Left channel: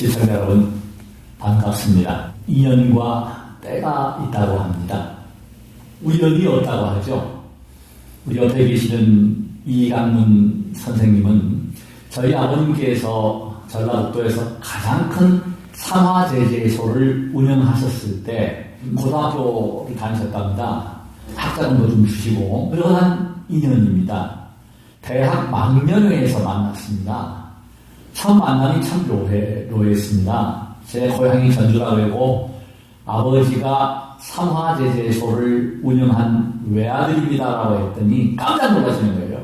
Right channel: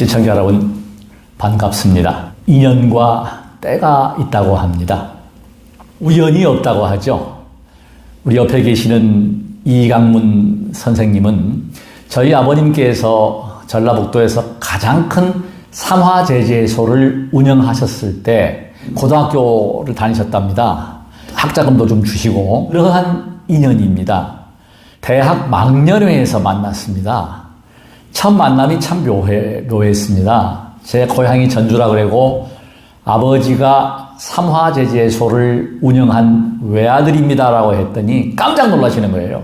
시청자 여러분 반갑습니다. 인연과 때가 있다고 합니다. 우연이 없다고 하죠. 우리 옆에 계시는 이강문 선생님은 저희 아버님께서 전라북도에서 가장 큰 삼화제재소를 운영하셨을 때 고등학교를 다니셨답니다. 학자금도 좀 주시고 그러한 인연입니다. 대학 막년회에서 만났습니다. 첫 만남이 참 묘했습니다. 제 고향이 전주라 그러고 아버지가 삼화제재소를 운영한 외아들입니다라고 했더니 깜짝 놀라시는 거예요.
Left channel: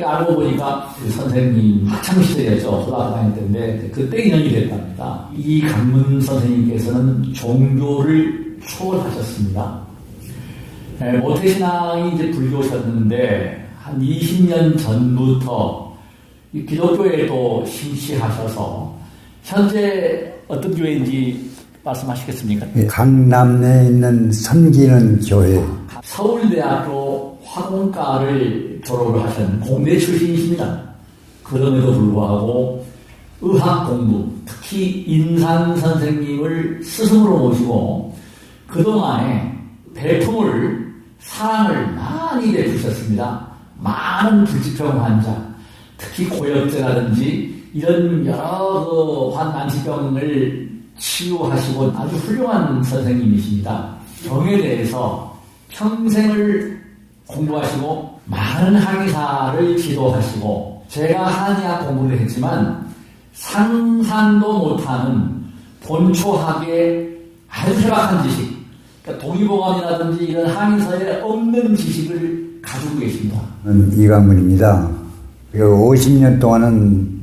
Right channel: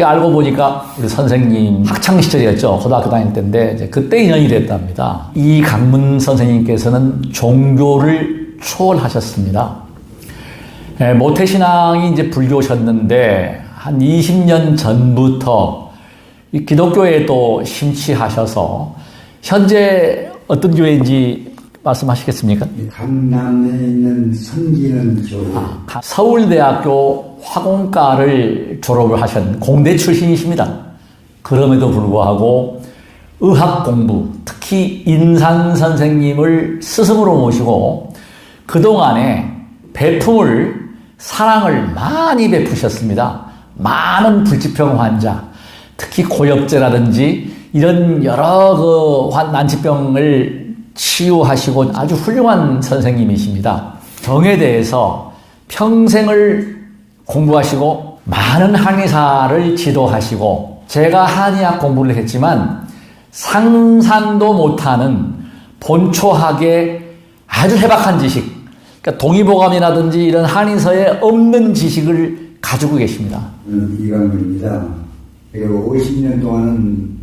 알고 보니까 우리 선생님 학창시절이었죠. 고등학교 다닐 때인데 이제 그때 인연이 됐답니다. 이강문 선생님께서는 종교를 초월하셨습니다. 모태신앙이 이제 불교셨는데 한 20년 전부터 기독교에 또 심취하셔서 현재 어떤 교회인지 말씀하시겠습니까? 강남에 있는 선기는 교회. 서울대학교 화공과를 졸업을 하신 공대 출신이십니다. 그럼에도 불구하고 의학 공부, 특히 인산 선생님을 스승으로 모시고 그동안에 배품을, 사랑을 많이 베푸셨습니다. 많은 불치병 환자, 특히 고엽제라든지 이런 여러 난치병을 치유하시고 아주 훌륭한 선생님이십니다. 정에 대해서 평생을 공부하시고 많은 한의사를 지도하시고 제가 한의학 공부를 했지만 상상도 못하는 본초학의 아주 해박한 지식, 그러니까 동의보감이라든지 이런 한의서에 없는 지식을 가지고 계십니다. 이강문입니다. 50년 동안은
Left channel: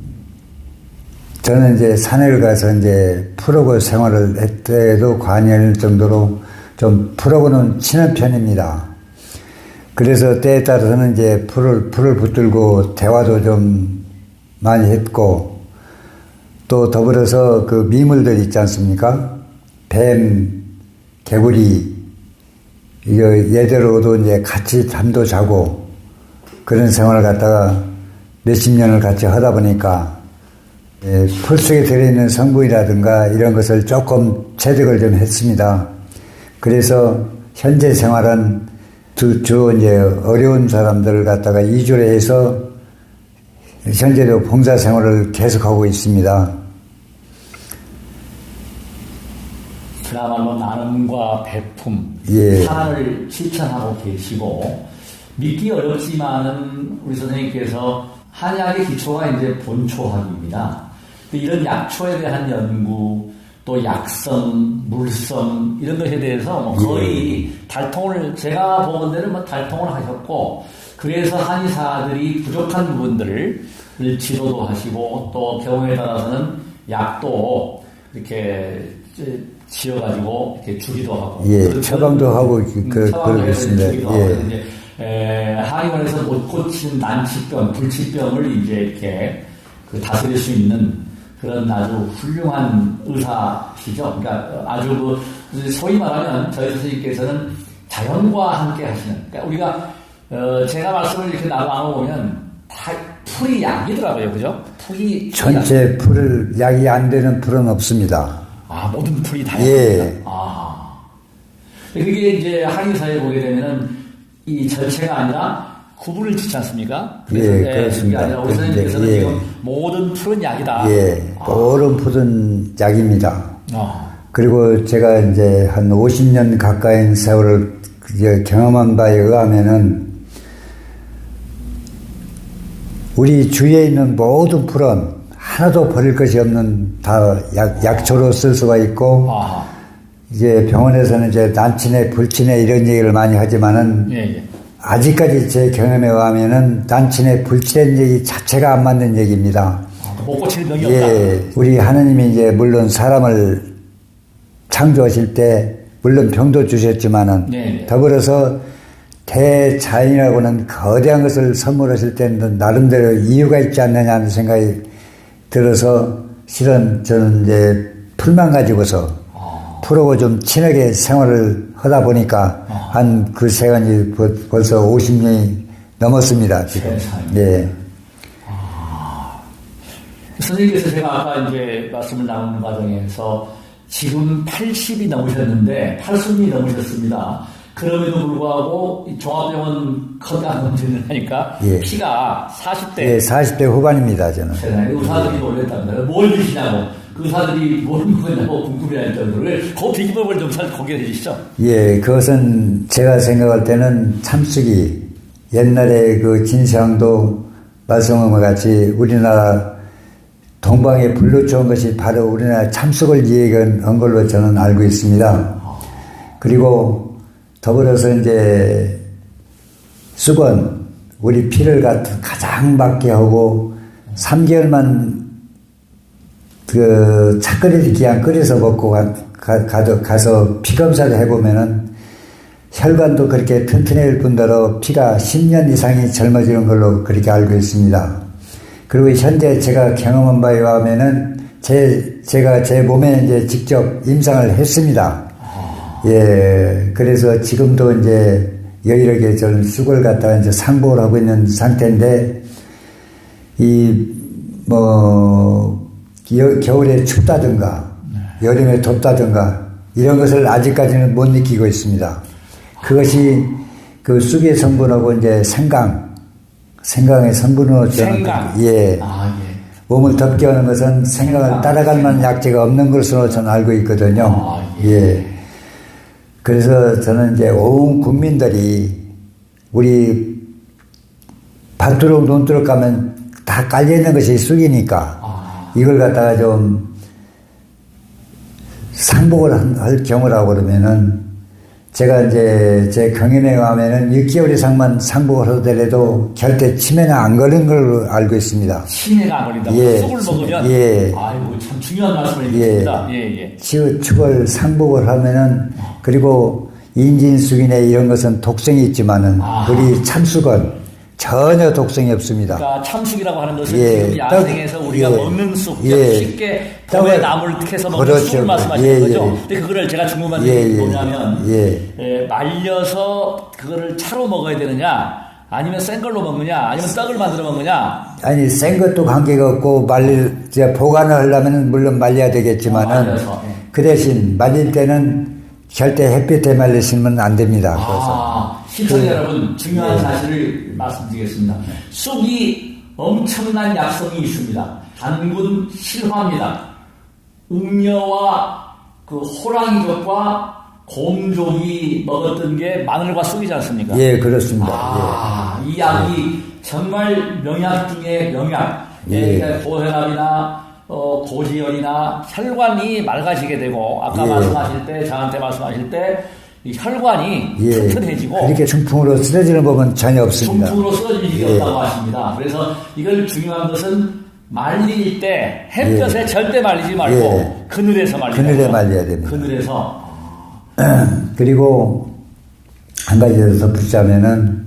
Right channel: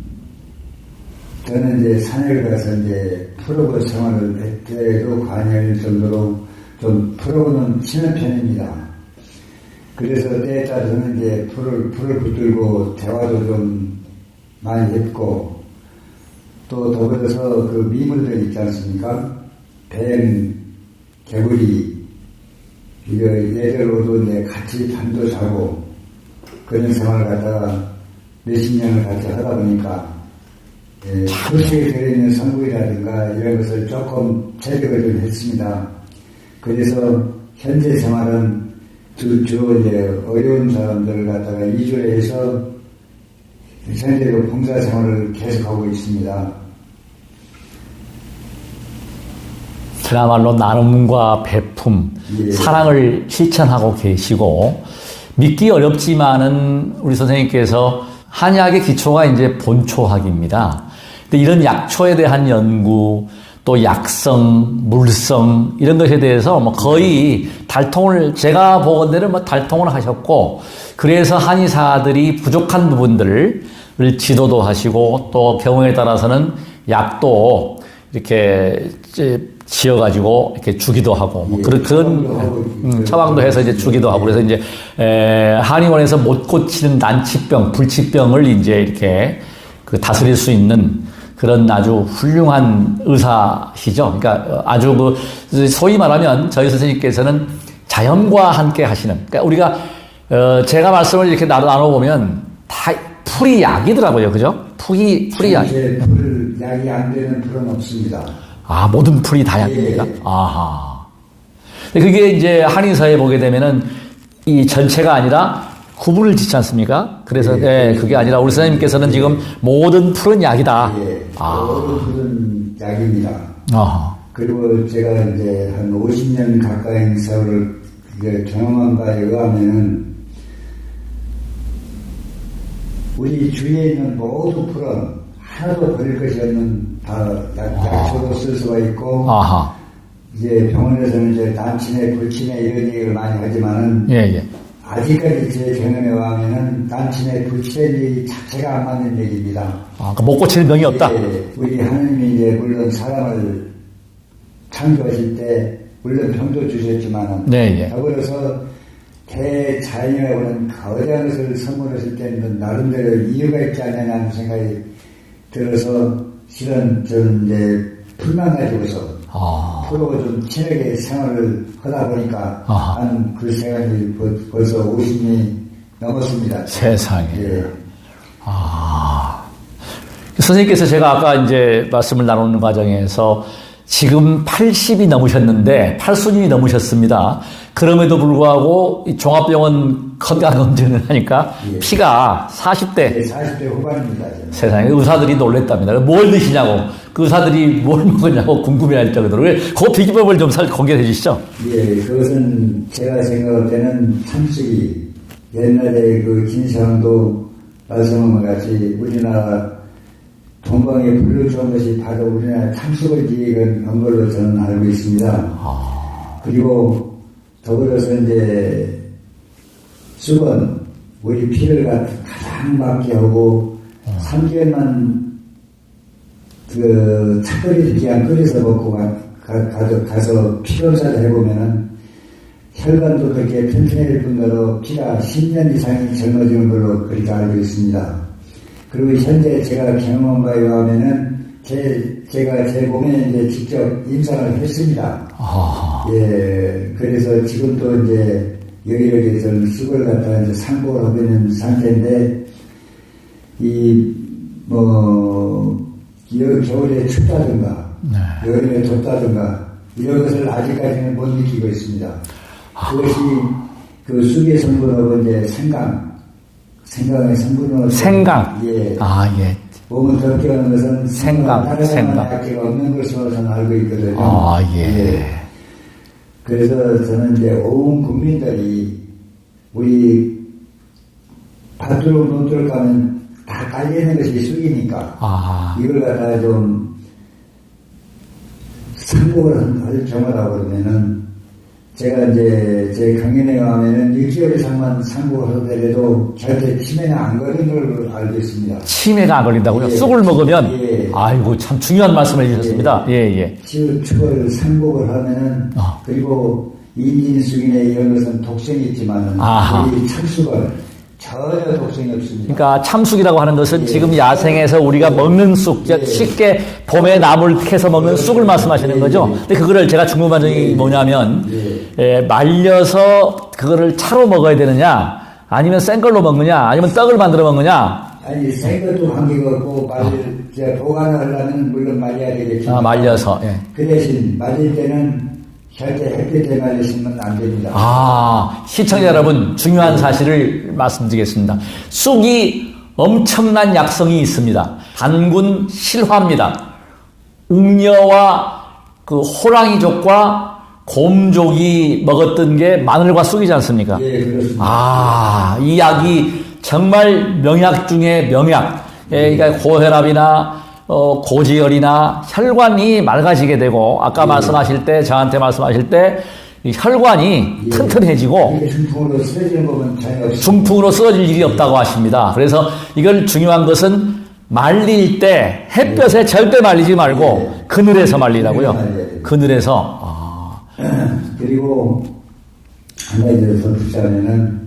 저는 이제 산을 가서 이제 풀어고 생활을 했대도 관여할 정도로 좀 풀어고는 친한 편입니다. 그래서 때에 따라서는 이제 풀을 붙들고 대화도 좀 많이 했고 또 더불어서 그 미물들 있지 않습니까? 뱀, 개구리, 이거 얘들하고도 이제 같이 잠도 자고 그런 생활을 갖다가 몇십 년을 같이 하다 보니까 풀 속에 들어있는 성분이라든가 이런 것을 조금 체득을 좀 했습니다. 그래서 현재 생활은 주로 이제 어려운 사람들을 갖다가 이주를 해서 현재도 봉사 생활을 계속하고 있습니다. 그야말로 나눔과 배품, 사랑을 실천하고 계시고 믿기 어렵지만은 우리 선생님께서 한의학의 기초가 이제 본초학입니다. 근데 이런 약초에 대한 연구, 또 약성, 물성 이런 것에 대해서 뭐 거의 달통을 제가 보건대는 뭐 달통을 하셨고 그래서 한의사들이 부족한 부분들을 지도도 하시고 또 경우에 따라서는 약도 이렇게 지어가지고 이렇게 주기도 하고 처방도 하고 처방도 해서 이제 주기도 하고 그래서 이제 한의원에서 못 고치는 난치병, 불치병을 이제 이렇게 다스릴 수 있는 그런 아주 훌륭한 의사시죠. 그러니까 아주 소위 말하면 저희 선생님께서는 자연과 함께 하시는. 그러니까 우리가 제가 말씀을 이렇게 나눠보면 다 풀이 약이더라고요, 그죠? 풀이 전체 풀을 약이 안 되는 풀은 없습니다. 아, 모든 풀이 다 약입니다. 아하. 그게 이제 한의사에 보게 되면은 이 전체가 아니라 구분을 짓지 않습니까? 그래서 그게 아니라 우리 선생님께서는 지금 모든 풀은 약이다. 모든 풀은 약입니다. 그리고 제가 이제 한 50년 가까이 세월을 경험한 바에 의하면은 우리 주위에 있는 모든 풀은 하나도 버릴 것이 없는 다 약초로 쓸 수가 있고 이제 병원에서는 이제 난치네 불치네 이런 얘기를 많이 하지만은 아직까지 제 경험에 의하면은 난치네 불치네 얘기 자체가 안 맞는 얘기입니다. 그러니까 못 고치는 병이 없다. 우리 하느님이 이제 물론 사람을 창조하실 때 물론 병도 주셨지만은 더불어서 대자연이라고는 거대한 것을 선물하실 때는 나름대로 이유가 있지 않느냐는 생각이 들어서 실은 저는 이제 풀만 가지고서 풀하고 좀 친하게 생활을 하다 보니까 한 그 시간이 벌써 50년이 넘었습니다. 세상에. 선생님께서 제가 아까 이제 말씀을 나누는 과정에서 지금 80이 넘으셨는데, 8순이 넘으셨습니다. 그럼에도 불구하고 이 종합병원 건강검진을 하니까 예. 피가 40대. 예, 40대 후반입니다, 저는. 세상에 의사들이 놀랬답니다. 뭘 드시냐고, 그 의사들이 뭘 먹었냐고 궁금해할 정도로. 그 비법을 좀 공개해 주시죠. 예, 그것은 제가 생각할 때는 참수기. 옛날에 그 진시황도 말씀한 것 같이 우리나라 동방에 불러주은 것이 바로 우리나라 참수를 이해한 걸로 저는 알고 있습니다. 그리고 더불어서 이제 수건, 우리 피를 가장 맑게 하고 3개월만 그 차끓일 기한 끓여서 먹고 가서 피 검사를 해보면은 혈관도 그렇게 튼튼해질 뿐더러 피가 10년 이상이 젊어지는 걸로 그렇게 알고 있습니다. 그리고 현재 제가 경험한 바에 의하면은 제가 제 몸에 이제 직접 임상을 했습니다. 예, 그래서 지금도 이제 여기저기 전 수고를 갖다가 이제 상보를 하고 있는 상태인데, 겨울에 춥다든가, 여름에 덥다든가, 이런 것을 아직까지는 못 느끼고 있습니다. 그것이 그 쑥의 성분하고 이제 생강의 성분으로. 생강? 예. 예. 몸을 덥게 하는 것은 생강을 따라갈 만한 약재가 없는 것으로 저는 알고 있거든요. 예. 그래서 저는 이제 온 국민들이 우리 밭두룩 논두룩 가면 다 깔려있는 것이 쑥이니까 이걸 갖다가 좀 상복을 할 경우라고 그러면은 제가 이제 제 경험에 가면은 6개월 이상만 상복을 하더라도 절대 치매나 안 걸린 걸로 알고 있습니다. 치매가 안 걸린다고요? 예, 쑥을 먹으면? 예. 아이고, 참 중요한 말씀을 해주셨습니다. 예. 치유축을 상복을 하면은, 그리고 인진쑥이나 이런 것은 독성이 있지만은, 우리 참쑥은 전혀 독성이 없습니다. 그러니까 참쑥이라고 하는 것은 지금 야생에서 우리가 먹는 쑥, 쉽게 봄에 나물 캐서 먹는 그렇죠. 쑥을 말씀하시는 거죠. 근데 그거를 제가 궁금한 점이 뭐냐면, 말려서 그거를 차로 먹어야 되느냐, 아니면 센 걸로 먹느냐, 아니면 떡을 만들어 먹느냐. 아니, 센 것도 관계가 없고, 보관을 하려면 물론 말려야 되겠지만. 말려서. 그 대신 말릴 때는 절대 햇빛에 말리시면 안 됩니다. 시청자 여러분, 중요한 사실을 말씀드리겠습니다. 쑥이 엄청난 약성이 있습니다. 단군 실화입니다. 웅녀와 그 호랑이족과 곰족이 먹었던 게 마늘과 쑥이지 않습니까? 예, 그렇습니다. 이 약이 정말 명약 중에 명약. 그러니까 고혈압이나 고지혈이나 혈관이 맑아지게 되고, 아까 말씀하실 때, 저한테 말씀하실 때, 이 혈관이 튼튼해지고. 이렇게 중풍으로 쓰러지는 법은 전혀 없습니다. 중풍으로 쓰러질 일이 없다고 하십니다. 그래서 이건 중요한 것은 말릴 때 햇볕에 절대 말리지 말고 그늘에서 말리라고요. 그늘에 말려야 됩니다. 그늘에서. 그리고 한 가지 더 덧붙자면은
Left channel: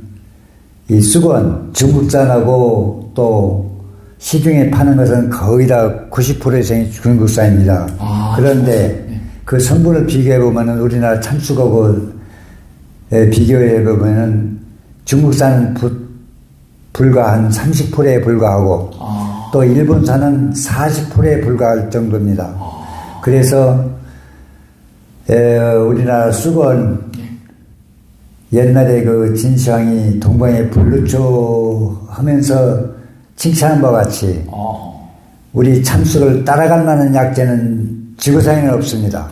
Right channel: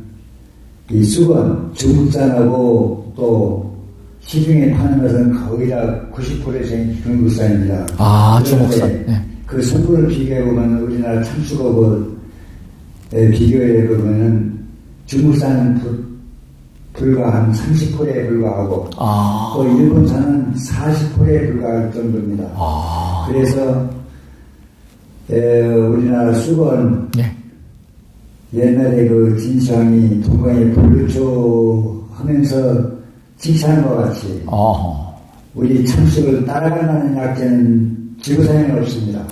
이 쑥은 중국산하고 또 시중에 파는 것은 거의 다 90% 이상이 중국산입니다. 그런데 그 성분을 비교해보면 우리나라 참쑥하고 비교해보면 중국산은 불과 한 30%에 불과하고 또 일본산은 40%에 불과할 정도입니다. 그래서 우리나라 쑥은 옛날에 그 진시황이 동방에 불루초 하면서 칭찬한 바와 같이 우리 참쑥을 따라갈 만한 약재는 지구상에는 없습니다.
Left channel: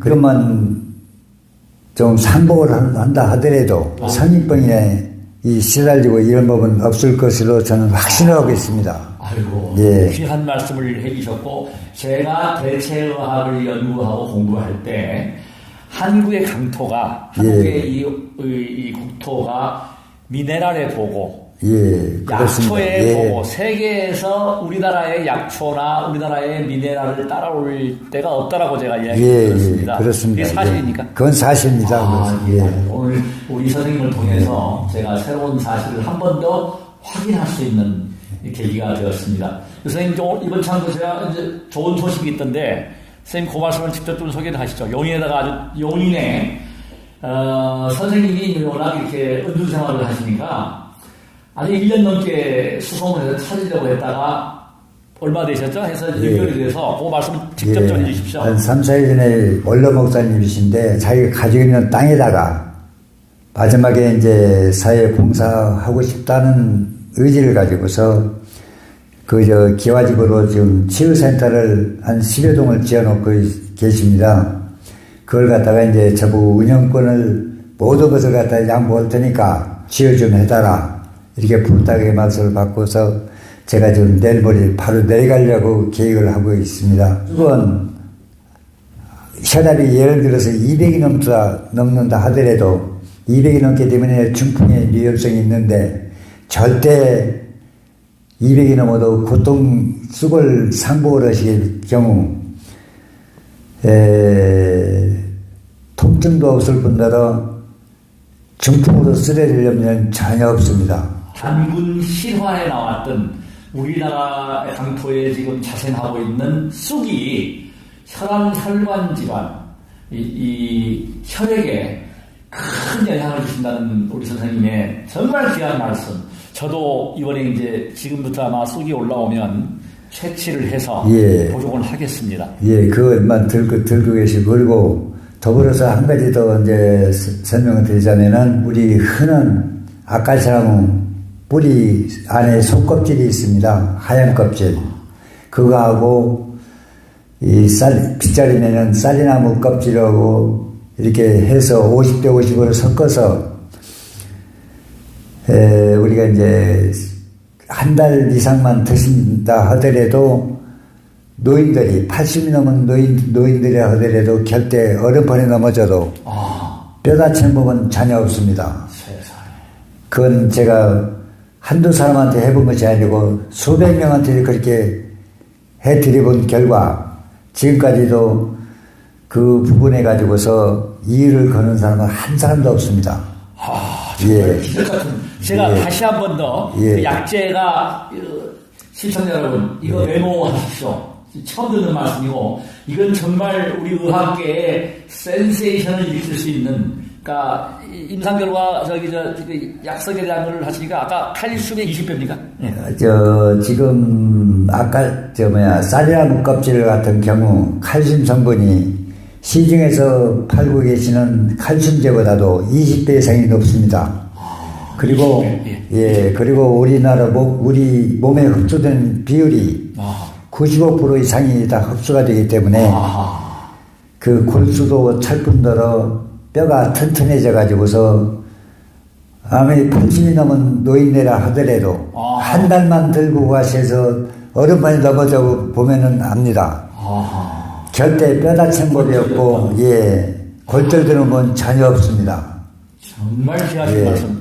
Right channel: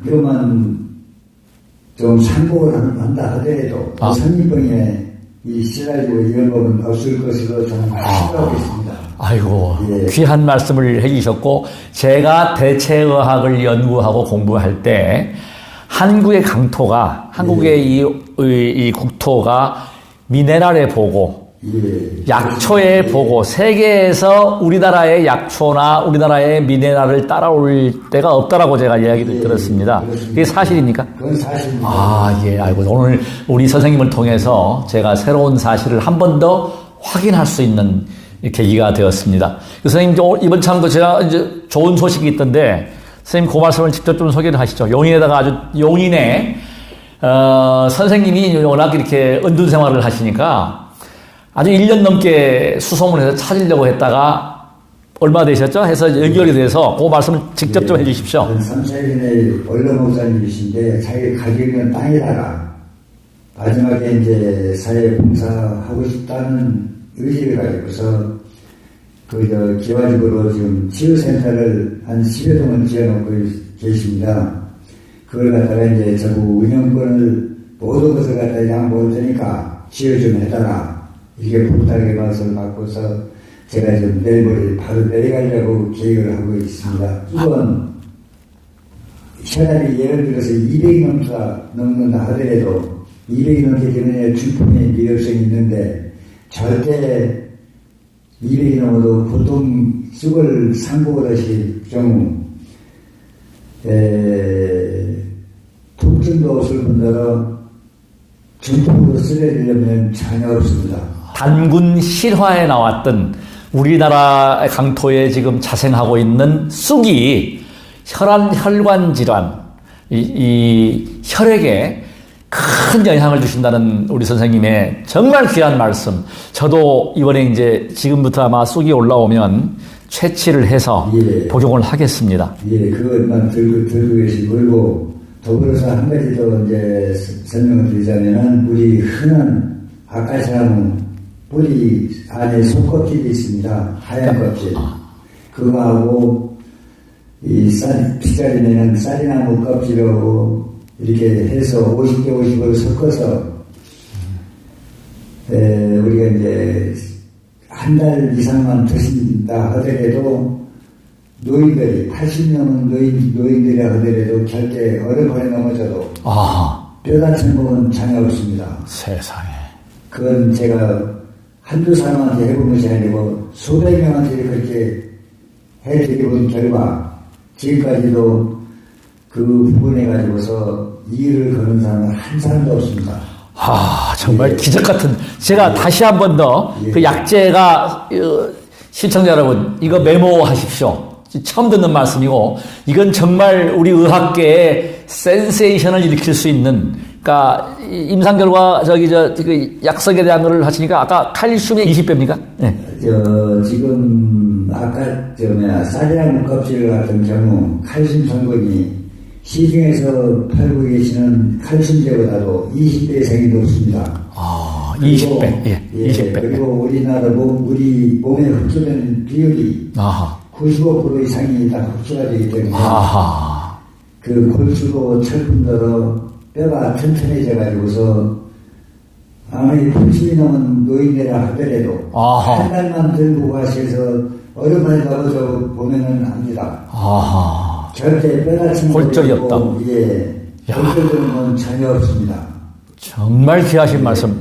그러면 좀 상복을 한다 하더라도 성인병에 시달리고 이런 법은 없을 것으로 저는 확신하고 있습니다. 아이고, 귀한 말씀을 해주셨고, 제가 대체의학을 연구하고 공부할 때 한국의 강토가, 한국의 이 국토가 미네랄에 보고 약초에 보고 세계에서 우리나라의 약초나 우리나라의 미네랄을 따라올 때가 없다라고 제가 이야기를 들었습니다. 그렇습니다. 그게 사실입니까? 그건 사실입니다. 알고 오늘 우리 선생님을 통해서 제가 새로운 사실을 한 번 더 확인할 수 있는 계기가 되었습니다. 선생님, 이번 참도 제가 이제 좋은 소식이 있던데, 선생님 그 말씀을 직접 좀 소개를 하시죠. 용인에다가 아주 용인에 선생님이 워낙 이렇게 은둔 생활을 하시니까 아주 1년 넘게 수소문해서 찾으려고 했다가 얼마 되셨죠? 해서 연결이 돼서 그 말씀을 직접 좀 해주십시오. 한 3, 4일 전에 원로 목사님이신데 자기가 가지고 있는 땅에다가 마지막에 이제 사회 봉사하고 싶다는 의지를 가지고서 기와집으로 지금 치유센터를 한 10여 동을 지어놓고 계십니다. 그걸 갖다가 이제 저보고 운영권을 모든 것을 갖다가 양보할 테니까 지어 좀 해달라. 이렇게 부탁의 말씀을 받고서 제가 지금 내일 모레 바로 내려가려고 계획을 하고 있습니다. 이건 현합이 예를 들어서 200이 넘는다 하더라도 200이 넘기 때문에 중풍의 위험성이 있는데 절대 200이 넘어도 고통 수골 상복을 하실 경우 통증도 없을 뿐더러 중풍으로 쓰러지려면 전혀 없습니다. 단군 실화에 나왔던 우리나라 강토에 지금 자생하고 있는 쑥이 혈관 질환, 이 혈액에 큰 영향을 주신다는 우리 선생님의 정말 귀한 말씀. 저도 이번에 이제 지금부터 아마 쑥이 올라오면 채취를 해서 복용을 하겠습니다. 그것만 들고 계시고, 그리고 더불어서 한 가지 더 이제 설명을 드리자면은 우리 흔한 아카시나무 뿌리 안에 속껍질이 있습니다. 하얀 껍질. 그거하고 이 빗자루면은 쌀이나무 껍질하고 이렇게 해서 50대 50으로 섞어서 우리가 이제 한 달 이상만 드신다 하더라도 노인들이 80이 넘은 노인들이 하더라도 곁에 얼음판에 넘어져도 뼈 다치는 부분은 전혀 없습니다. 세상에. 그건 제가 한두 사람한테 해본 것이 아니고 수백 명한테 그렇게 해드려본 결과 지금까지도 그 부분에 가지고서 이의를 거는 사람은 한 사람도 없습니다. 정말 기적 같은. 제가 다시 한 번 더 그 약재가 시청자 여러분 이거 메모하십시오. 처음 듣는 말씀이고 이건 정말 우리 의학계에 센세이션을 일으킬 수 있는. 그러니까 임상 결과 그 약석에 대한 걸 하시니까 아까 칼슘이 20배입니까? 네. 지금 아까 쌀이나무 껍질 같은 경우 칼슘 성분이 시중에서 팔고 계시는 칼슘제보다도 20배 이상이 높습니다. 그리고 20배. 그리고 우리나라 우리 몸에 흡수된 비율이 95% 이상이 다 흡수가 되기 때문에 그 골수도 찰뿐더러 뼈가 튼튼해져 가지고서 아무리 80이 넘은 노인네라 하더라도 한 달만 들고 가셔서 얼음판에 넘어져 보면은 압니다. 절대 뼈 다친 것이 없고 얼떨드는 건 전혀 없습니다. 정말 귀하신 말씀.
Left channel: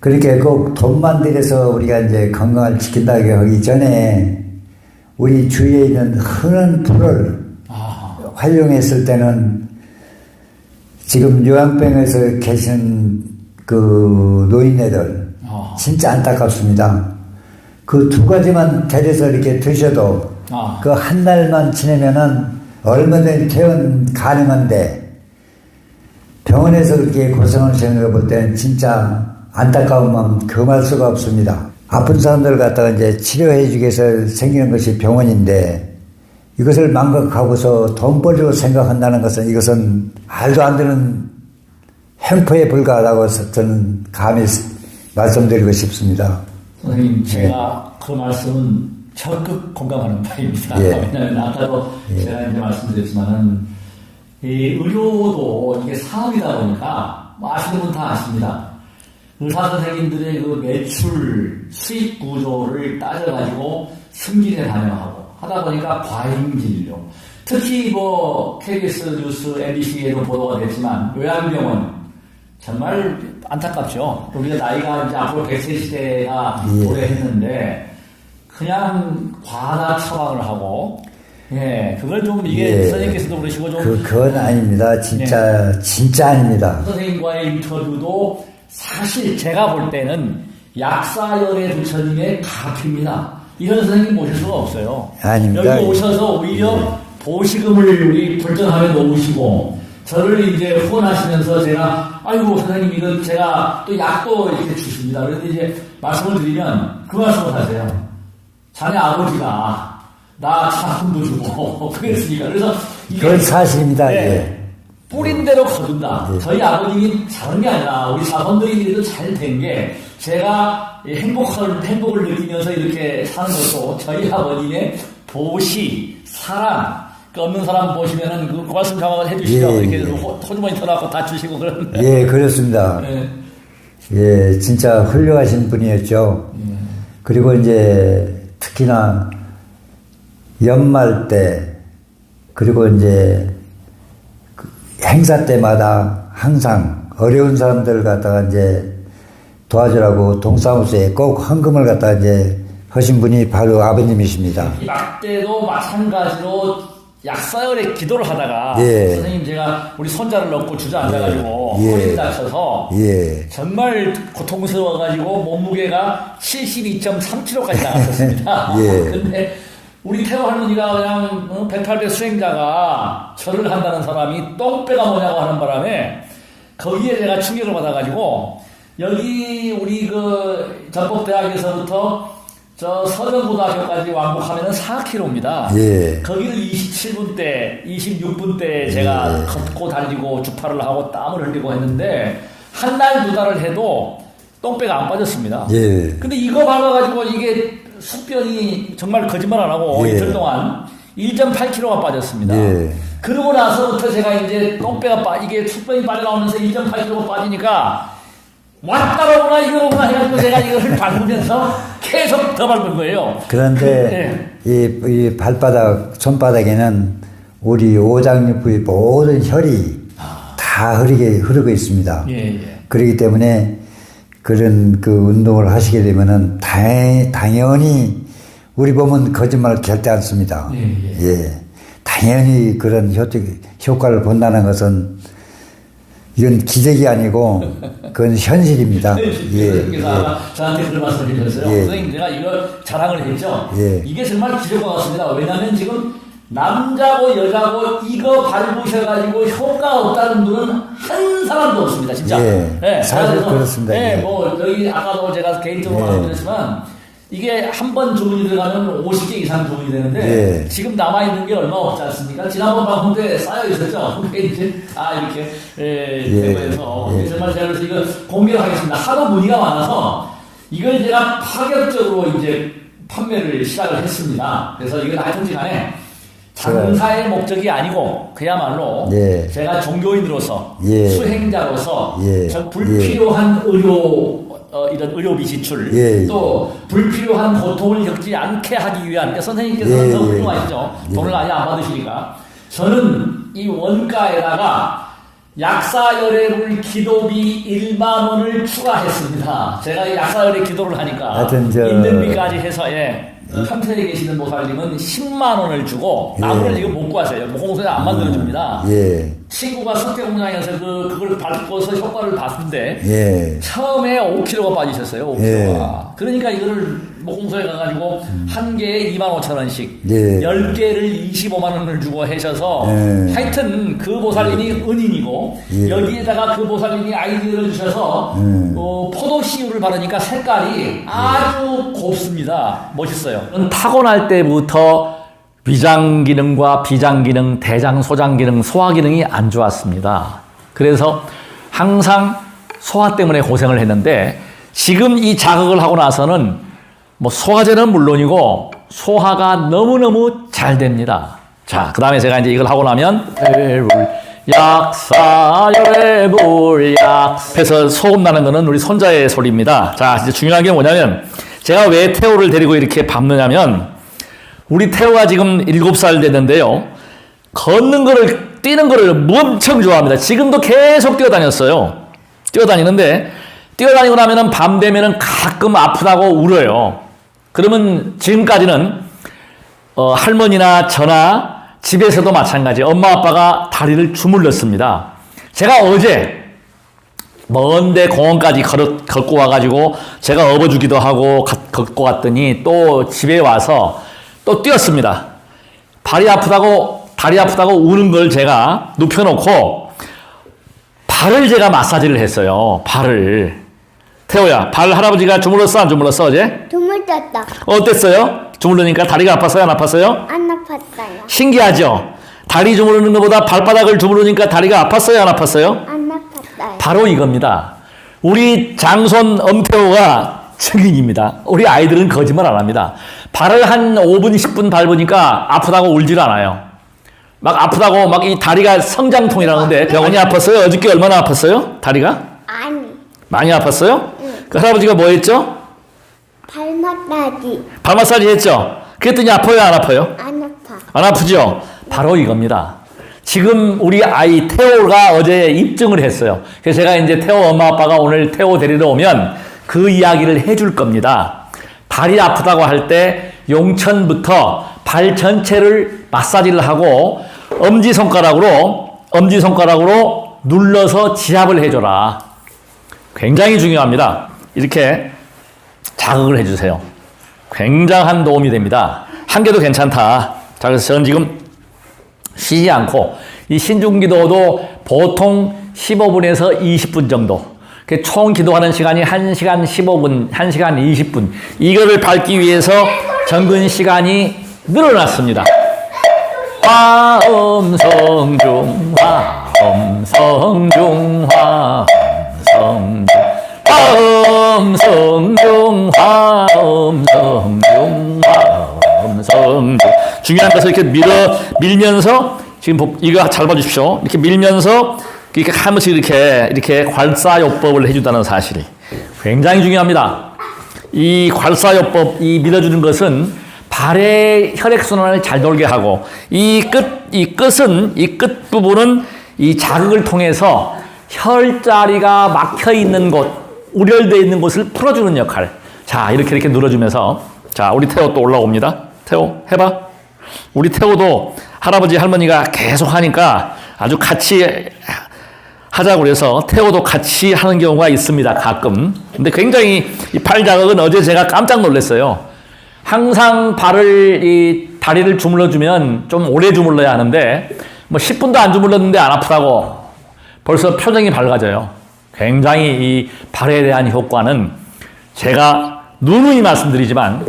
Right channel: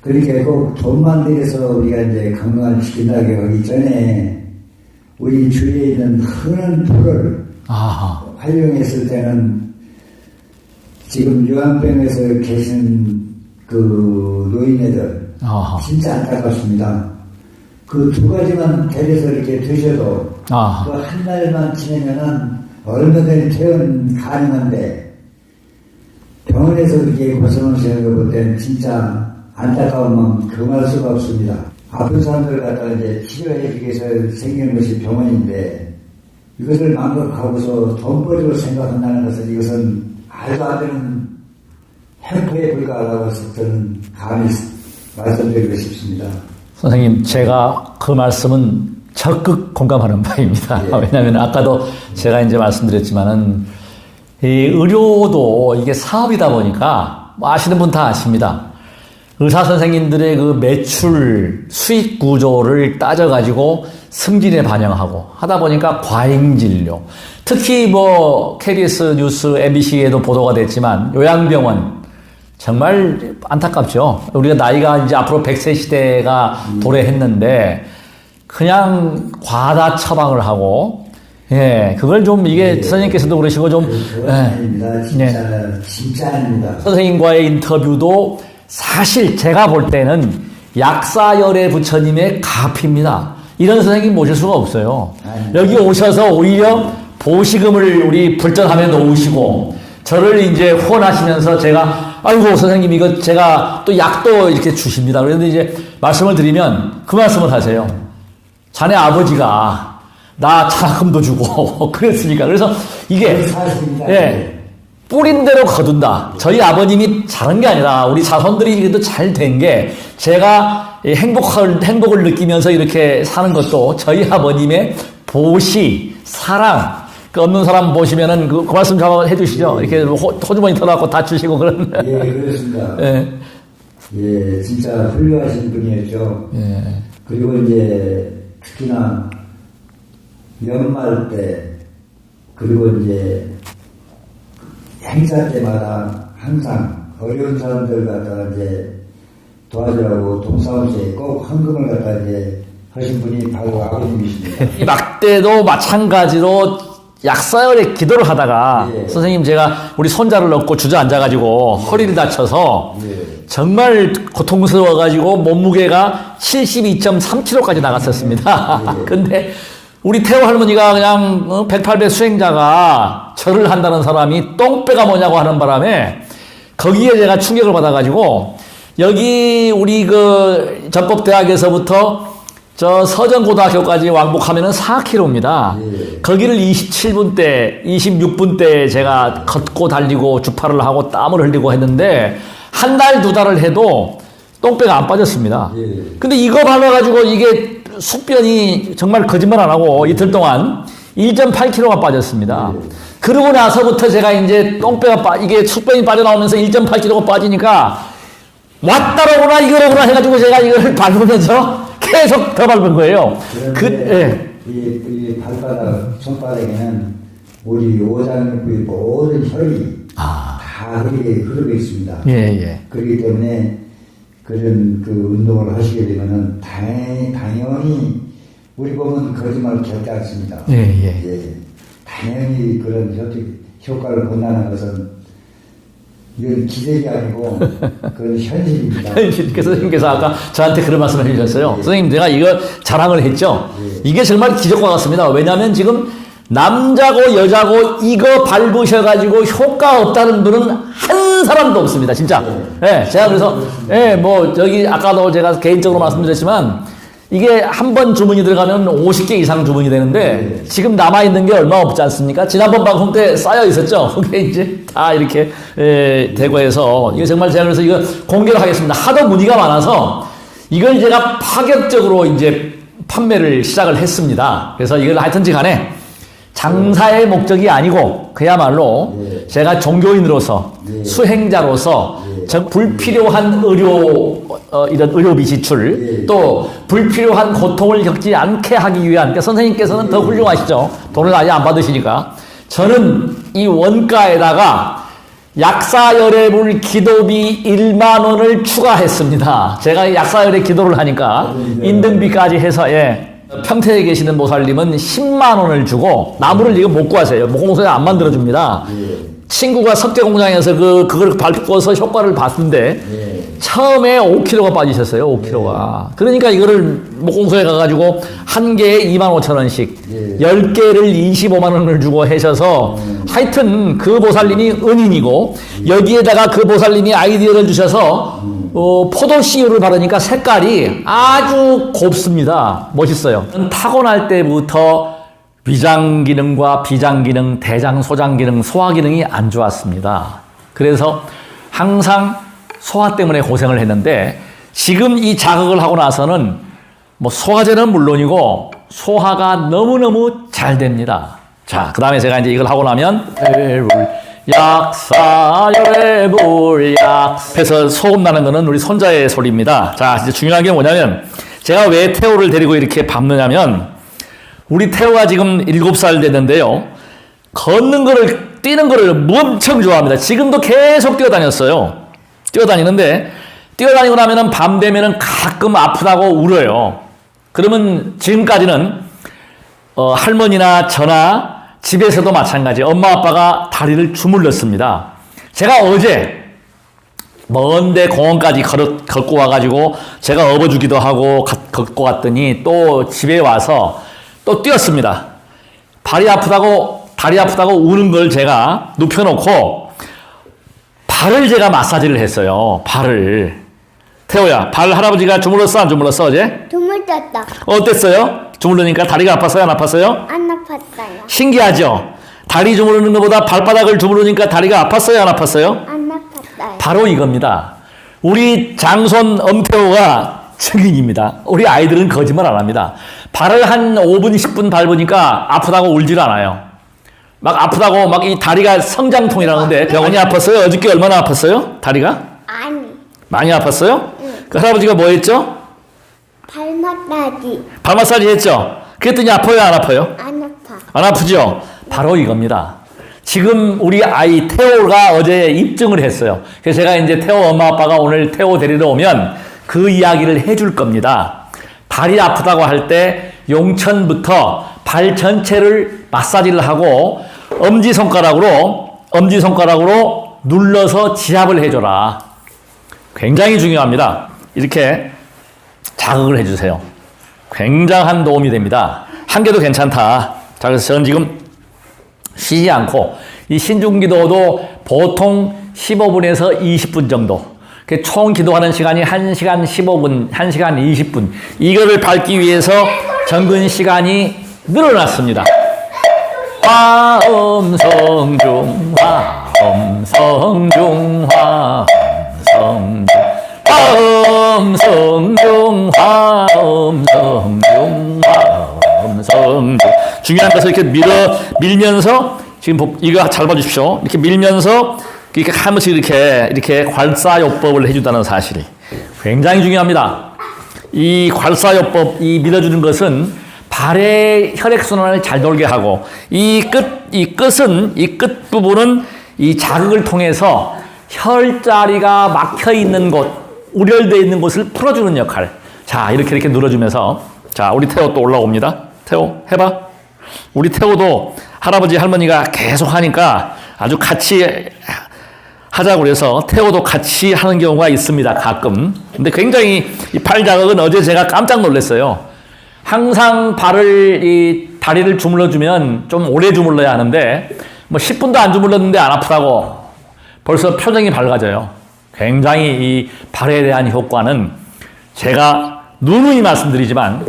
그러니까 꼭 돈만 들여서 우리가 이제 건강을 지킨다고 하기 전에 우리 주위에 있는 흔한 풀을 활용했을 때는 지금 요양병에서 계신 그 노인네들 진짜 안타깝습니다. 그 두 가지만 데려서 이렇게 드셔도 그 한 달만 지내면은 얼마든지 퇴원 가능한데 병원에서 그렇게 고생하시는 걸 볼 때는 진짜 안타까운 마음 금할 수가 없습니다. 아픈 사람들 갖다가 이제 치료해 주기 위해서 생기는 것이 병원인데 이것을 망각하고서 돈벌이로 생각한다는 것은 이것은 말도 안 되는 횡포에 불과하다고 저는 감히 말씀드리고 싶습니다. 선생님, 제가 그 말씀은 적극 공감하는 바입니다. 왜냐하면 아까도 제가 이제 말씀드렸지만은 이 의료도 이게 사업이다 보니까 아시는 분 다 아십니다. 의사 선생님들의 그 매출 수익 구조를 따져가지고 승진에 반영하고 하다 보니까 과잉 진료. 특히 KBS 뉴스, MBC에도 보도가 됐지만 요양병원 정말 안타깝죠. 우리가 나이가 이제 앞으로 100세 시대가 도래했는데 그냥 과다 처방을 하고 그걸 좀 이게 선생님께서도 그러시고 좀 그건 아닙니다. 진짜 아닙니다. 선생님과의 인터뷰도 사실 제가 볼 때는 약사열애 부처님의 가피입니다. 이런 선생님 모실 수가 없어요. 아닙니다. 여기 오셔서 오히려 보시금을 우리 불전함에 놓으시고 저를 이제 후원하시면서 제가 아이고 선생님 이거 제가 또 약도 이렇게 주십니다. 그런데 이제 말씀을 드리면 그 말씀을 하세요. 자네 아버지가 나 장학금도 주고 그랬으니까. 그래서 이게 그건 사실입니다. 네, 뿌린 대로 거둔다. 저희 아버님이 잘한 게 아니라 우리 자손들이 이래도 잘 된 게 제가 행복을 느끼면서 이렇게 사는 것도 저희 아버님의 보시, 사랑. 그 없는 사람 보시면은 그 말씀 좀 한번 해주시죠. 예, 이렇게 호주머니 털어갖고 다 주시고 그런. 예, 그렇습니다. 예. 예, 진짜 훌륭하신 분이었죠. 예. 그리고 이제 특히나 연말 때 그리고 이제 행사 때마다 항상 어려운 사람들 갖다가 이제 도와주라고 동사무소에 꼭 헌금을 갖다가 이제 하신 분이 바로 아버님이십니다. 이 막대도 마찬가지로 약사열에 기도를 하다가 예. 선생님 제가 우리 손자를 넣고 주저앉아가지고 예. 허리를 다쳐서 예. 정말 고통스러워가지고 몸무게가 72.3kg까지 나갔었습니다. 예. 근데 우리 태호 할머니가 그냥 108배 수행자가 절을 한다는 사람이 똥배가 뭐냐고 하는 바람에 거기에 제가 충격을 받아가지고 여기 우리 그 전법대학에서부터 저 서정고등학교까지 왕복하면은 4km입니다. 예. 거기를 27분 때, 26분 때 제가 예. 걷고 달리고 주파를 하고 땀을 흘리고 했는데 한 달, 두 달을 해도 똥배가 안 빠졌습니다. 예. 근데 이거 발라가지고 이게 숙변이 정말 거짓말 안 하고 예. 이틀 동안 1.8kg가 빠졌습니다. 예. 그러고 나서부터 제가 이제 똥배가 이게 숙변이 빠져나오면서 1.8kg가 빠지니까 왔다라구나 이거라구나 해가지고 제가 이걸 밟으면서 계속 더 밟은 거예요. 그런데 이 발바닥, 손바닥에는 우리 오장육부의 모든 혈이 다 흐르고 있습니다. 예, 예. 그렇기 때문에 그런 그 운동을 하시게 되면은 당연히 우리 몸은 거짓말을 절대 안 씁니다. 예, 예. 예. 당연히 그런 효과를 본다는 것은 이건 기적이 아니고 그건 현실입니다. 그래서 선생님께서 아까 저한테 그런 말씀을 해주셨어요. 예. 선생님 내가 이거 자랑을 했죠. 예. 이게 정말 기적과 같습니다. 왜냐하면 지금 남자고 여자고 이거 밟으셔가지고 효과 없다는 분은 한 사람도 없습니다. 진짜. 예. 네, 제가 그래서 그렇습니다. 네, 예. 뭐 저기 아까도 제가 개인적으로 예. 말씀드렸지만 이게 한 번 주문이 들어가면 50개 이상 주문이 되는데 예. 지금 남아있는 게 얼마 없지 않습니까? 지난번 방송 때 쌓여 있었죠. 그게 이제 다 이렇게 되고 해서 이게 정말 제가 그래서 이거 공개를 하겠습니다. 하도 문의가 많아서 이걸 제가 파격적으로 이제 판매를 시작을 했습니다. 그래서 이걸 하여튼지 간에 장사의 목적이 아니고 그야말로 예. 제가 종교인으로서 예. 수행자로서 예. 불필요한 이런 의료비 지출 예. 또 불필요한 고통을 겪지 않게 하기 위한 그러니까 선생님께서는 예. 더 훌륭하시죠. 돈을 아예 안 받으시니까 저는 이 원가에다가 약사열애물 기도비 1만 원을 추가했습니다. 제가 약사열애 기도를 하니까 하여튼 인등비까지 해서 평택에 계시는 모살님은 10만 원을 주고 나무를 이거 못 구하세요. 목공소에 안 만들어줍니다. 예. 친구가 석재공장에서 그걸 밟고서 효과를 봤는데 예. 처음에 5kg가 빠지셨어요. 5kg가. 그러니까 이거를 목공소에 가가지고 한 개에 25,000원씩 예. 10개를 25만 원을 주고 하셔서 예. 하여튼 그 보살님이 은인이고 여기에다가 그 보살님이 아이디어를 주셔서 포도 씨유를 바르니까 색깔이 아주 곱습니다. 멋있어요. 타고날 때부터 위장 기능과 비장 기능, 대장, 소장 기능, 소화 기능이 안 좋았습니다. 그래서 항상 소화 때문에 고생을 했는데 지금 이 자극을 하고 나서는 뭐 소화제는 물론이고 소화가 너무너무 잘 됩니다. 자, 그 다음에 제가 이제 이걸 하고 나면 약사열애불약 해서 소음 나는 거는 우리 손자의 소리입니다. 자, 이제 중요한 게 뭐냐면 제가 왜 태호를 데리고 이렇게 밟느냐면 우리 태호가 지금 7살 됐는데요. 걷는 거를 뛰는 거를 엄청 좋아합니다. 지금도 계속 뛰어다녔어요. 뛰어다니는데 뛰어다니고 나면은 밤 되면은 가끔 아프다고 울어요. 그러면 지금까지는 할머니나 저나 집에서도 마찬가지 엄마 아빠가 다리를 주물렀습니다. 제가 어제 먼데 공원까지 걷고 와가지고 제가 업어주기도 하고 걷고 갔더니 또 집에 와서 또 뛰었습니다. 다리 아프다고 우는 걸 제가 눕혀놓고 발을 제가 마사지를 했어요. 발을. 태호야, 발 할아버지가 주물렀어 안 주물렀어 어제? 주물렀다. 어땠어요? 주무르니까 다리가 아팠어요? 안 아팠어요? 안 아팠어요. 신기하죠? 다리 주무르는 것보다 발바닥을 주무르니까 다리가 아팠어요? 안 아팠어요? 안 아팠어요. 바로 이겁니다. 우리 장손 엄태호가 증인입니다. 우리 아이들은 거짓말 안 합니다. 발을 한 5분, 10분 밟으니까 아프다고 울질 않아요. 막 아프다고 막 이 다리가 성장통이라는데 병원이 아팠어요? 어저께 얼마나 아팠어요? 다리가? 아니, 많이 아팠어요? 그 할아버지가 뭐 했죠? 발 마사지. 발 마사지 했죠? 그랬더니 아파요? 안 아파요? 안 아파. 안 아프죠? 바로 이겁니다. 지금 우리 아이 태호가 어제 입증을 했어요. 그래서 제가 이제 태호 엄마 아빠가 오늘 태호 데리러 오면 그 이야기를 해줄 겁니다. 발이 아프다고 할 때 용천부터 발 전체를 마사지를 하고 엄지손가락으로 눌러서 지압을 해줘라. 굉장히 중요합니다. 이렇게 자극을 해주세요. 굉장한 도움이 됩니다. 한 개도 괜찮다. 자, 그래서 저는 지금 쉬지 않고 이 신중기도도 보통 15분에서 20분 정도. 총 기도하는 시간이 1시간 15분, 1시간 20분. 이거를 밟기 위해서 정근 시간이 늘어났습니다. 화엄성중, 화엄성중, 화엄성중, 화엄성중, 화엄성중, 화엄성중. 중요한 것을 이렇게 밀면서, 지금 이거 잘 봐주십시오. 이렇게 밀면서, 이렇게 한 번씩 이렇게 괄사요법을 해준다는 사실이 굉장히 중요합니다. 이 괄사요법, 이 밀어주는 것은 발의 혈액순환을 잘 돌게 하고, 이 끝 부분은 이 자극을 통해서 혈자리가 막혀 있는 곳, 우열되어 있는 곳을 풀어주는 역할. 자, 이렇게 눌러주면서, 자, 우리 태호 또 올라옵니다. 태호, 해봐. 우리 태호도 할아버지, 할머니가 계속 하니까 아주 같이 하자고 그래서 태호도 같이 하는 경우가 있습니다. 가끔. 근데 굉장히 이 팔 자극은 어제 제가 깜짝 놀랐어요. 항상 다리를 주물러주면 좀 오래 주물러야 하는데, 뭐 10분도 안 주물렀는데 안 아프다고 벌써 표정이 밝아져요. 굉장히 이 발에 대한 효과는 제가 누누이 말씀드리지만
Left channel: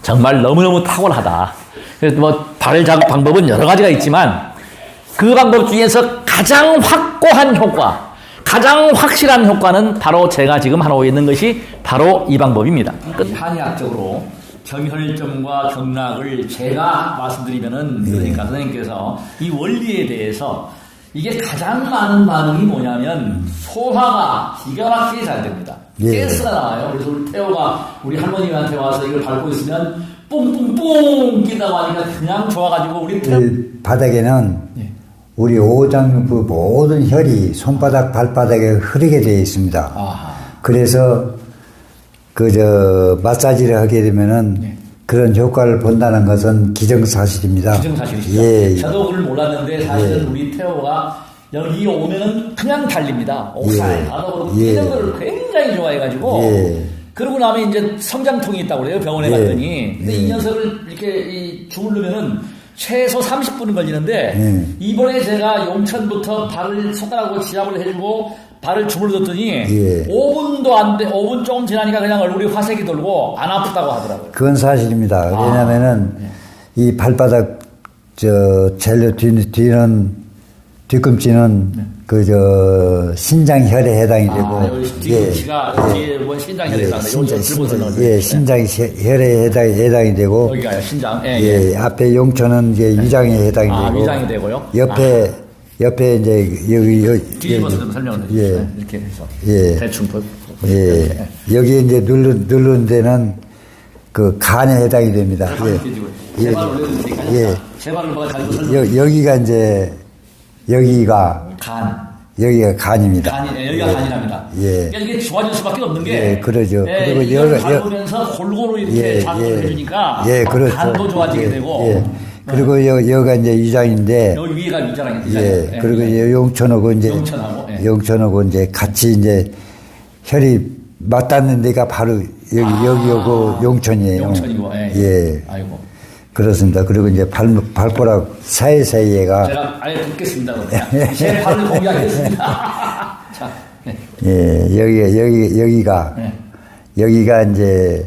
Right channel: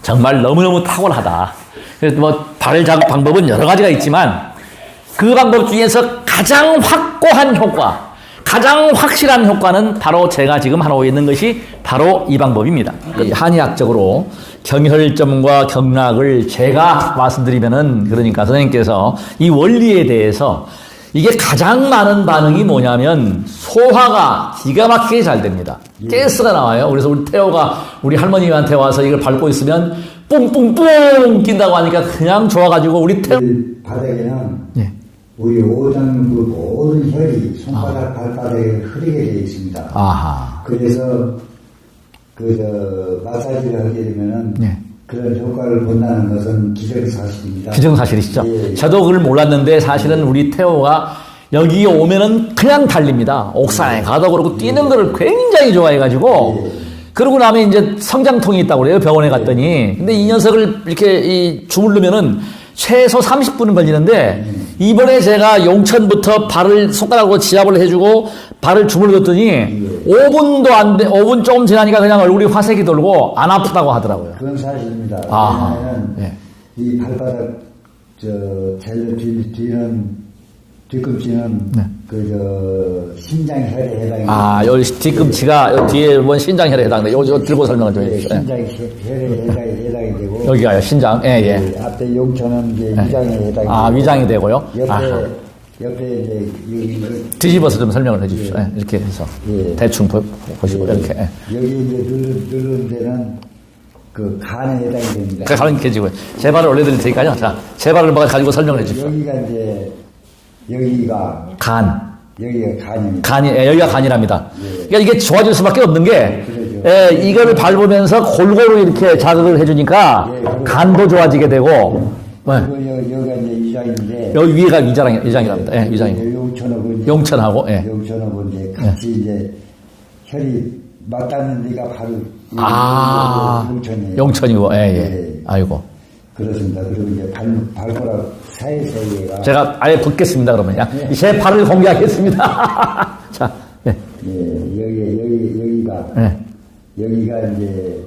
정말 너무너무 탁월하다. 그래서 뭐 발을 자극 방법은 여러 가지가 있지만 그 방법 중에서 가장 확고한 효과, 가장 확실한 효과는 바로 제가 지금 하고 있는 것이 바로 이 방법입니다. 한의학적으로 경혈점과 경락을 제가 말씀드리면은, 그러니까 선생님께서 이 원리에 대해서 이게 가장 많은 반응이 뭐냐면 소화가 기가 막히게 잘 됩니다. 가스가 나와요. 그래서 우리 태호가 우리 할머니한테 와서 이걸 밟고 있으면 뿡뿡뿡 낀다고 하니까 그냥 좋아가지고 우리 태호 바닥에는 우리 오장부 모든 혈이 손바닥, 발바닥에 흐르게 되어 있습니다. 아하. 그래서 마사지를 하게 되면은 그런 효과를 본다는 것은 기정사실입니다. 기정사실이시죠? 예. 저도 그걸 몰랐는데 사실은 우리 태호가 여기 오면은 그냥 달립니다. 옥상에 가도 그렇고 뛰는 거를 굉장히 좋아해가지고 그러고 나면 이제 성장통이 있다고 그래요. 병원에 갔더니. 근데 이 녀석을 이렇게 주무르면은 최소 30분은 걸리는데 이번에 제가 용천부터 발을 손가락으로 지압을 해주고 발을 주물렀더니 5분도 안 돼, 5분 조금 지나니까 그냥 얼굴이 화색이 돌고 안 아프다고 하더라고요. 그건 사실입니다. 왜냐면은 이 발바닥 제일 뒤꿈치는 신장혈에 해당이 되고. 요 뒤꿈치가 요 뒤에 본 신장혈에 해당돼요. 요 들고 설명을 드릴게요. 신장혈에 해당이 되고. 여기가요, 신장. 앞에 용천은 이제 위장에 해당이 되고. 위장이 되고요. 옆에 이제 여기 뒤집어서 좀 설명을 해주십시오. 이렇게 해서 대충 보시고 이렇게. 여기 이제 누른 데는 그 간에 해당이 됩니다. 가만히 계시고요. 제 발을 올려드릴 테니까요. 자, 제 발을 가지고 설명해 주세요. 여기가 이제 여기가 간입니다. 여기가 간이랍니다. 그러니까 이게 좋아질 수밖에 없는 게, 그러죠. 이거를 밟으면서 골고루 이렇게 자극을 해주니까 간도 좋아지게 되고. 그리고 여기가 이제 위장인데. 여기 위가 위장이랍니다. 그리고 용천하고 이제 같이 이제 혈이 맞닿는 데가 바로 여기 용천이에요. 용천이고, 아이고. 그렇습니다. 그리고 이제 발가락 사이사이에가. 제가 아예 붙겠습니다, 그러면. 제 발을 공개하겠습니다. 자, 여기가 이제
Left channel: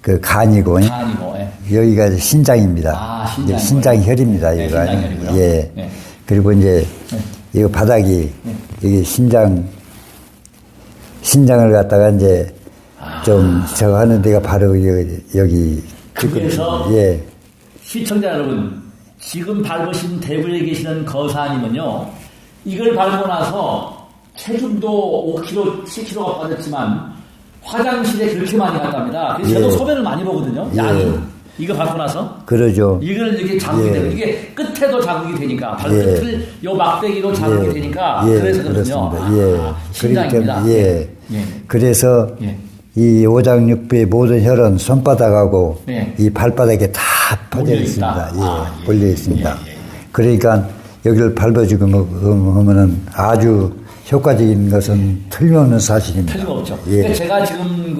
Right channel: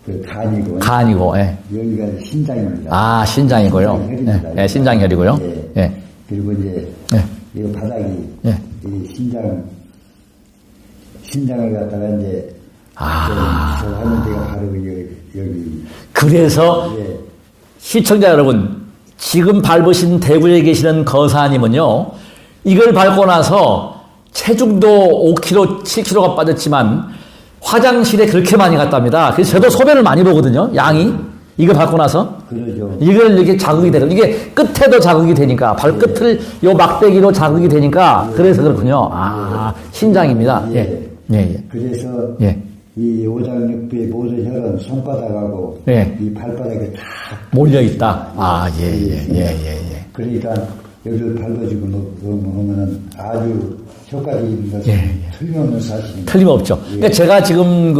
그 간이고. 간이고, 예. 여기가 신장입니다. 아, 신장이고요. 신장혈입니다. 네, 신장혈이고요. 예. 예. 그리고 이제 예. 이거 바닥이 예. 여기 신장을 갖다가 이제 좀 저거 하는 데가 바로 여기. 그래서 예. 시청자 여러분, 지금 밟으신 대구에 계시는 거사님은요, 이걸 밟고 나서 체중도 5kg, 7kg가 빠졌지만 화장실에 그렇게 많이 갔답니다. 그래서 저도 소변을 많이 보거든요, 양이. 이거 밟고 나서. 그러죠. 이걸 이렇게 자극이 되는, 이게 끝에도 자극이 되니까, 발끝을 요 막대기로 자극이 되니까, 그래서 그렇군요. 그렇습니다. 신장입니다. 그러니까, 그래서 이 오장육부의 모든 혈은 손바닥하고 이 발바닥에 다 몰려 있습니다. 몰려 있습니다. 그러니까 여기를 밟아주고 하면은 아주 효과적인 것은 틀림없는 사실입니다. 틀림없죠. 그러니까 제가 지금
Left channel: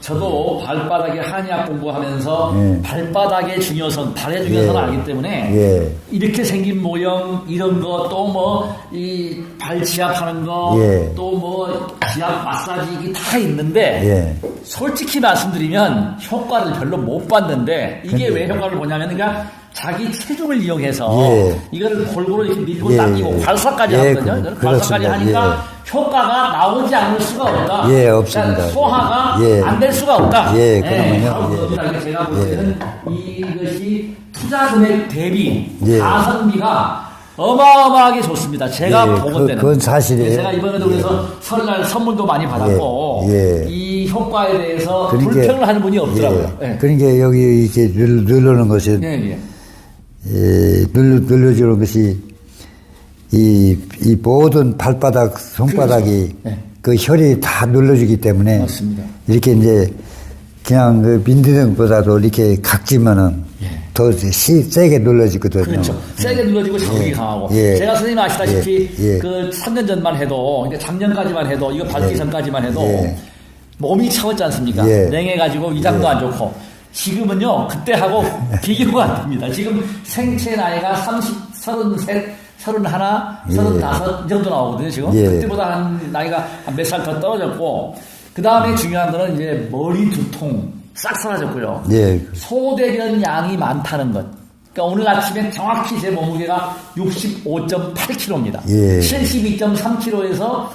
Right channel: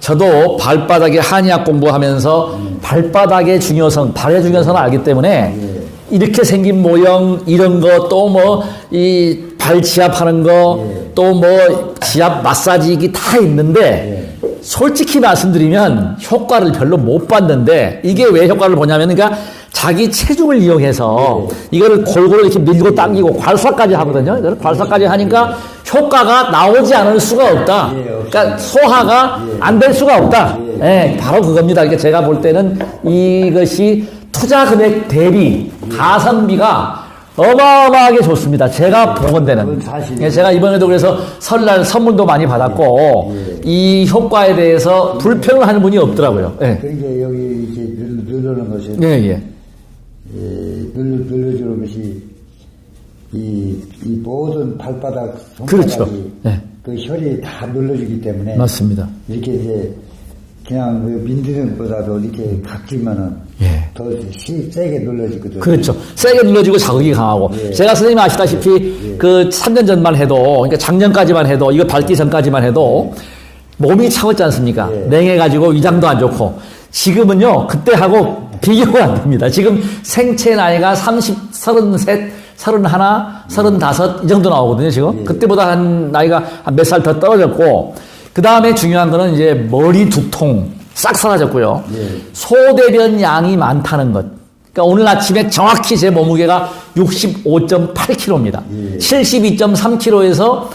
저도 발바닥에 한의학 공부하면서 발바닥의 중요성, 발의 중요성을 알기 때문에 이렇게 생긴 모형, 이런 거, 또 뭐, 이 발 지압하는 거, 또 뭐, 지압 마사지기 다 있는데, 솔직히 말씀드리면 효과를 별로 못 봤는데, 이게 왜 효과를 보냐면, 그러니까 자기 체중을 이용해서 이거를 골고루 이렇게 밀고 당기고 괄사까지 하거든요. 이걸 괄사까지 하니까 효과가 나오지 않을 수가 없다. 그러니까 소화가 안 될 수가 없다. 바로 그겁니다. 그러니까 제가 볼 때는 이것이 투자 금액 대비 가성비가 어마어마하게 좋습니다. 제가 본 데는. 그건 사실이에요. 제가 이번에도 그래서 설날 선물도 많이 받았고 이 효과에 대해서 불평을 하는 분이 없더라고요. 그러니까 여기 이렇게 누르는 것이 눌러주는 것이 이 모든 발바닥, 손바닥이 그 혈이 다 눌러주기 때문에 맞습니다. 이렇게 이제 그냥 그 민드등보다도 이렇게 각지면은 더 세게 눌러지거든요. 그렇죠. 세게 눌러지고 자극이 강하고. 제가 선생님 아시다시피 그 3년 전만 해도, 그러니까 작년까지만 해도, 이거 밟기 전까지만 해도 몸이 차갑지 않습니까? 냉해가지고 위장도 안 좋고. 지금은요, 그때하고 비교가 안 됩니다. 지금 생체 나이가 30, 33, 31, 35, 이 정도 나오거든요, 지금. 그때보다 나이가 한 몇 살 더 떨어졌고, 그 다음에 중요한 거는 이제 머리 두통 싹 사라졌고요. 소대변 양이 많다는 것. 그러니까 오늘 아침에 정확히 제 몸무게가 65.8kg입니다. 72.3kg에서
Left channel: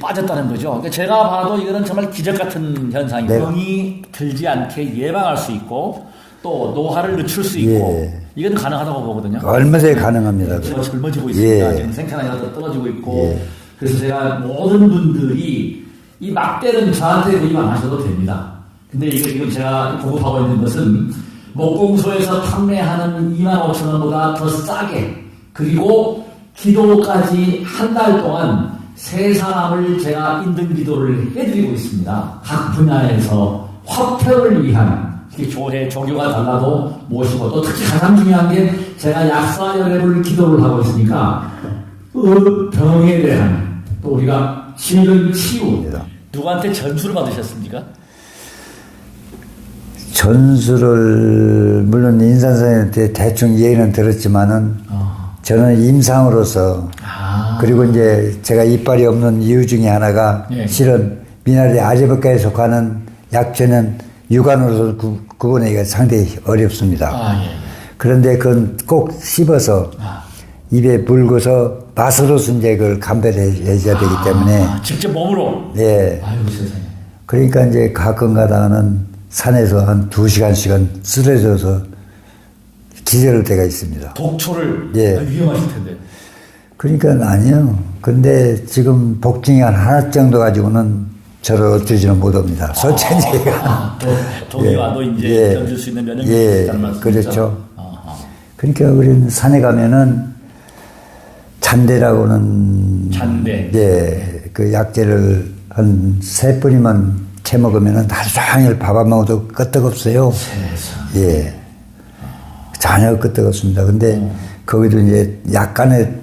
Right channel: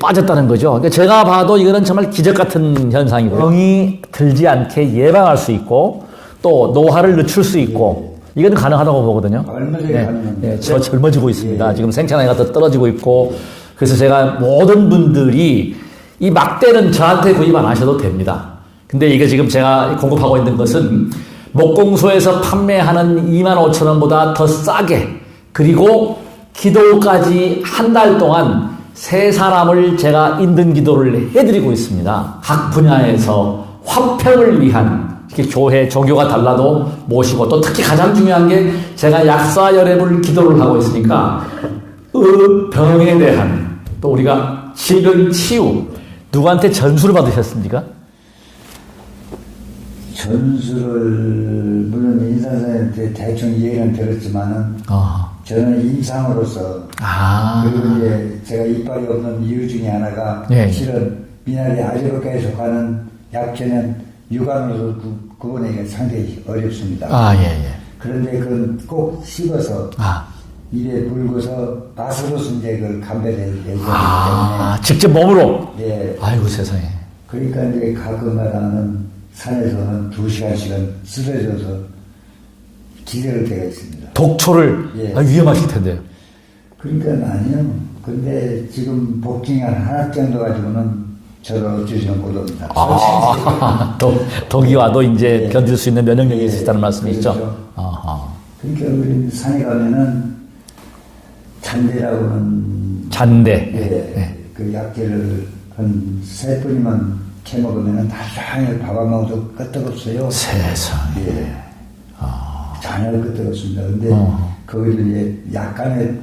빠졌다는 거죠. 그러니까 제가 봐도 이거는 정말 기적 같은 현상이에요. 병이 들지 않게 예방할 수 있고 또 노화를 늦출 수 있고 이건 가능하다고 보거든요. 얼마든지 가능합니다. 저 젊어지고 있습니다. 지금 생체나이가 더 떨어지고 있고 그래서 제가 모든 분들이 이 막대는 저한테 구입 안 하셔도 됩니다. 근데 이게 지금 제가 공급하고 있는 것은 목공소에서 판매하는 25,000원보다 더 싸게 그리고 기도까지 한 달 동안 3사람을 제가 인등 기도를 해드리고 있습니다. 각 분야에서 화평을 위한 이렇게 교회, 종교가 달라도 모시고 또 특히 가장 중요한 게 제가 약사열애물 기도를 하고 있으니까 병에 대한 또 우리가 질병 치유 누구한테 전수를 받으셨습니까? 전수를 물론 인산선생님한테 대충 얘기는 들었지만은 저는 임상으로서 그리고 이제 제가 이빨이 없는 이유 중에 하나가 실은 미나리 아재백과에 속하는 약초는 육안으로서 구분하기가 상당히 어렵습니다. 그런데 그건 꼭 씹어서 입에 물고서 맛으로서 이제 그걸 감별해 줘야 되기 때문에 직접 몸으로? 아이고 세상에. 그러니까 이제 가끔가다는 산에서 한 2시간씩은 쓰러져서 기절할 때가 있습니다. 독초를? 위험하실 텐데. 그러니까 아니요. 근데 지금 복증이 한 하나 정도 가지고는 저를 어쩌지는 못합니다. 솔직히. 독이 와도 이제 견딜 수 있는 면역력이 있다는 말씀이죠? 그렇죠. 그러니까 우리는 산에 가면은 잔대라고는. 잔대. 그 약재를 한 3뿌리만 채 먹으면은 하루 종일 밥 안 먹어도 끄떡없어요. 세상에. 전혀 끄떡없습니다. 근데 거기도 이제 약간의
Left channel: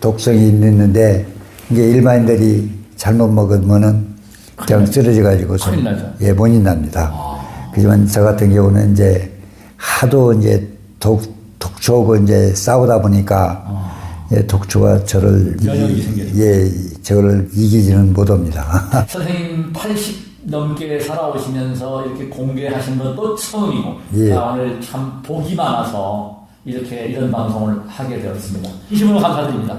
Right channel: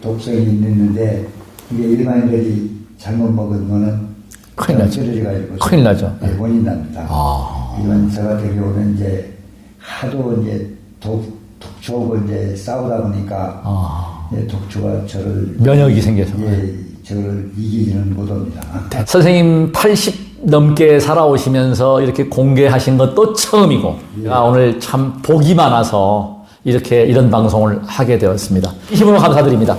독성이 있는데 이게 일반인들이 잘못 먹으면은 그냥 쓰러져가지고 큰일 나죠. 원인 납니다. 하지만 저 같은 경우는 이제 하도 이제 독초하고 이제 싸우다 보니까 독초가 저를 면역이 생겨서 저를 이기지는 못합니다. 선생님 80 넘게 살아오시면서 이렇게 공개하신 것도 처음이고, 예. 오늘 참 복이 많아서 이렇게 이런 방송을 하게 되었습니다. 힘으로 감사드립니다.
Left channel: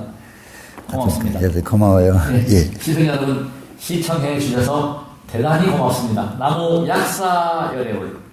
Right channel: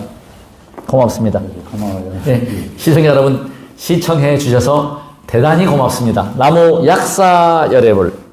고맙습니다. 네, 고마워요. 네, 예. 시청자 여러분, 시청해 주셔서 대단히 고맙습니다. 나무 약사 열애불